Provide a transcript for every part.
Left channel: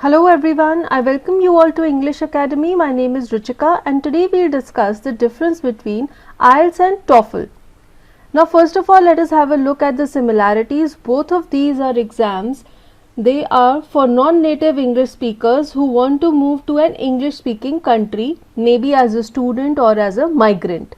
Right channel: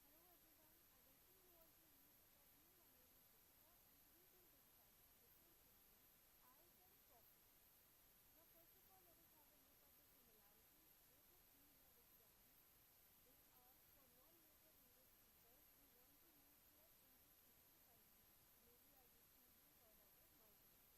Hello everyone, I welcome you all to English Academy. My name is Ruchika and today we'll discuss the difference between IELTS and TOEFL. Now first of all, let us have a look at the similarities. Both of these are exams. They are for non-native English speakers who want to move to an English speaking country, maybe as a student or as a migrant.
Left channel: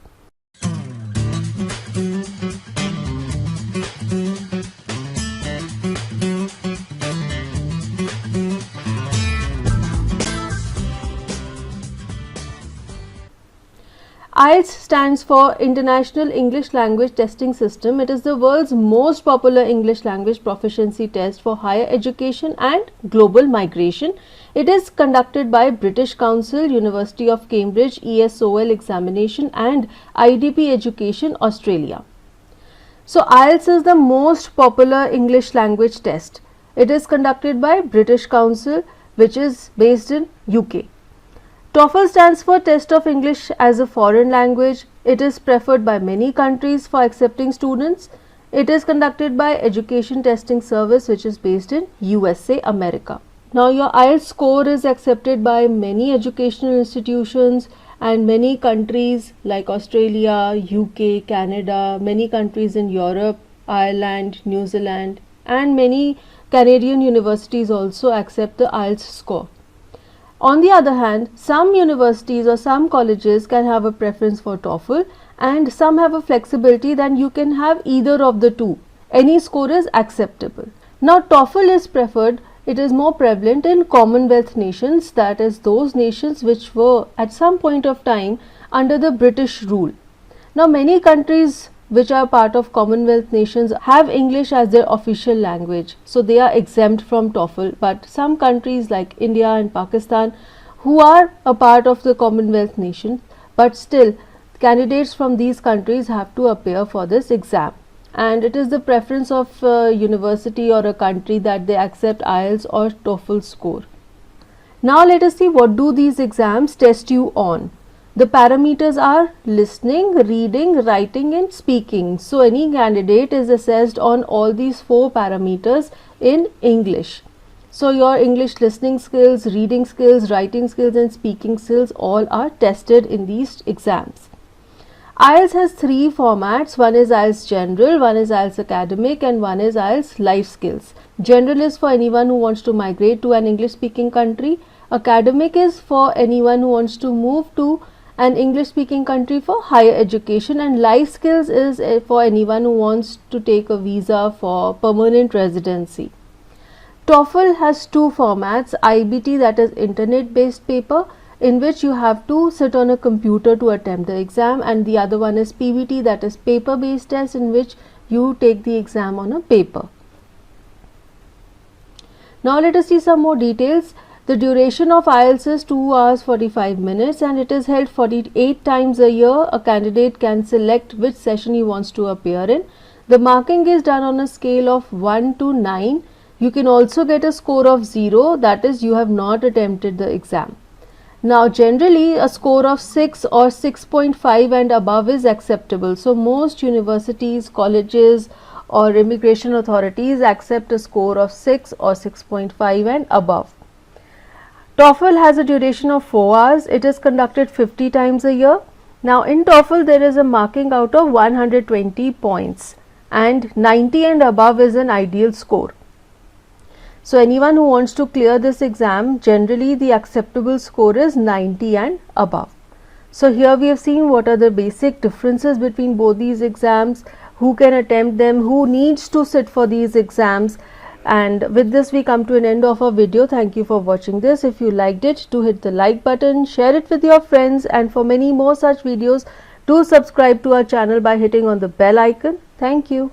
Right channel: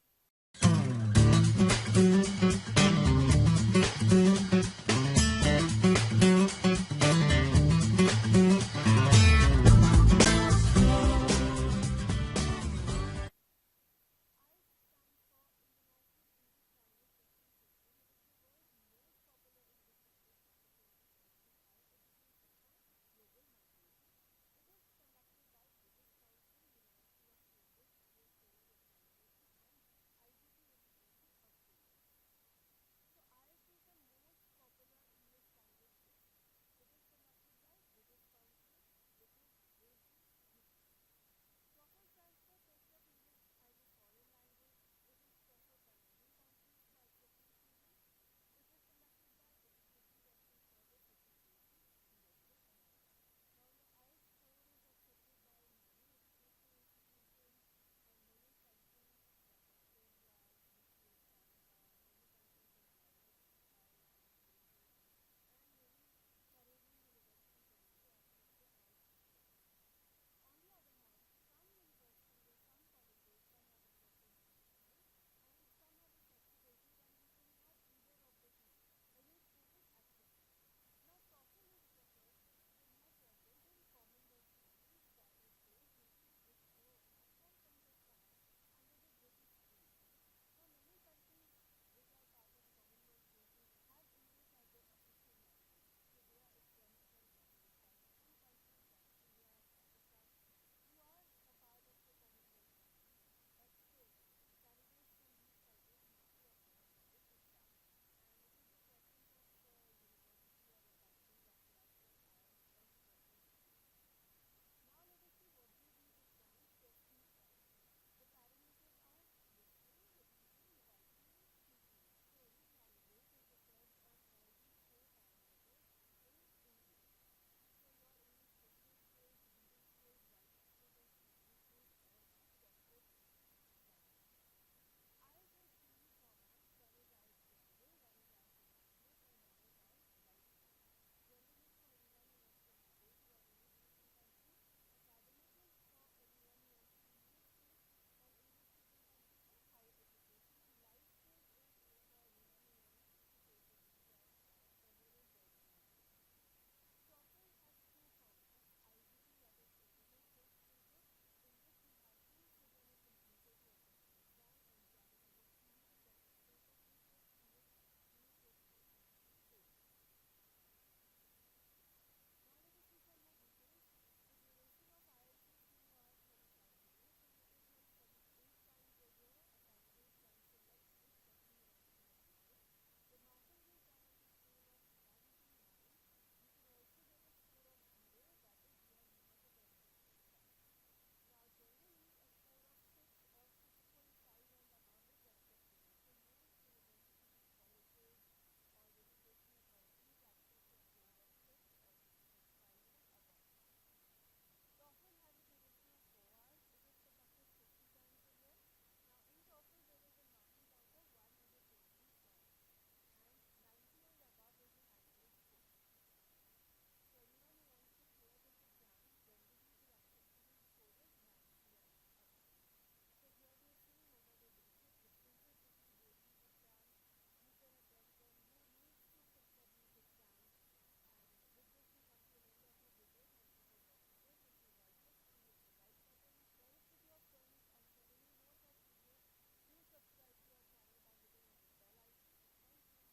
IELTS stands for International English Language Testing System. It is the world's most popular English language proficiency test for higher education and global migration. It is conducted by British Council, University of Cambridge, ESOL examination and IDP Education Australia. So IELTS is the most popular English language test. It is conducted by British Council, which is based in UK. TOEFL stands for Test of English as a Foreign Language. It is preferred by many countries for accepting students. It is conducted by Education Testing Service, which is based in USA, America. Now your IELTS score is accepted by many educational institutions and many countries like Australia, UK, Canada, many countries in Europe, Ireland, New Zealand, and many Canadian universities also accept the IELTS score. On the other hand, some universities or some colleges can have a preference for TOEFL and some have a flexibility that you can have either of the two. Any score is acceptable. Now TOEFL is preferred, it is more prevalent in Commonwealth nations, that is those nations which were at some point of time under the British rule. Now many countries which are part of Commonwealth nations have English as their official language, so they are exempt from TOEFL, but some countries like India and Pakistan who are a part of the Commonwealth nation, but still candidates from these countries have to appear for this exam, and it is the preference of a university or a country that they accept IELTS or TOEFL score. Now let us see what do these exams test you on. The parameters are listening, reading, writing and speaking. So any candidate is assessed on all these 4 parameters in English. So your English listening skills, reading skills, writing skills and speaking skills all are tested in these exams. IELTS has 3 formats. One is IELTS General, one is IELTS Academic and one is IELTS Life Skills. General is for anyone who wants to migrate to an English speaking country. Academic is for anyone who wants to move to an English speaking country for higher education, and life skills is for anyone who wants to take a visa for permanent residency. TOEFL has 2 formats, IBT, that is internet based paper, in which you have to sit on a computer to attempt the exam, and the other one is PBT, that is paper based test, in which you take the exam on a paper. Now let us see some more details. The duration of IELTS is 2 hours 45 minutes and it is held 48 times a year. A candidate can select which session he wants to appear in. The marking is done on a scale of 1 to 9. You can also get a score of 0, that is you have not attempted the exam. Now generally a score of 6 or 6.5 and above is acceptable. So most universities, colleges or immigration authorities accept a score of 6 or 6.5 and above. TOEFL has a duration of 4 hours. It is conducted 50 times a year. Now in TOEFL there is a marking out of 120 points and 90 and above is an ideal score. So anyone who wants to clear this exam, generally the acceptable score is 90 and above. So here we have seen what are the basic differences between both these exams, who can attempt them, who needs to sit for these exams. And with this we come to an end of our video. Thank you for watching this. If you liked it, do hit the like button, share it with your friends, and for many more such videos, do subscribe to our channel by hitting on the bell icon. Thank you.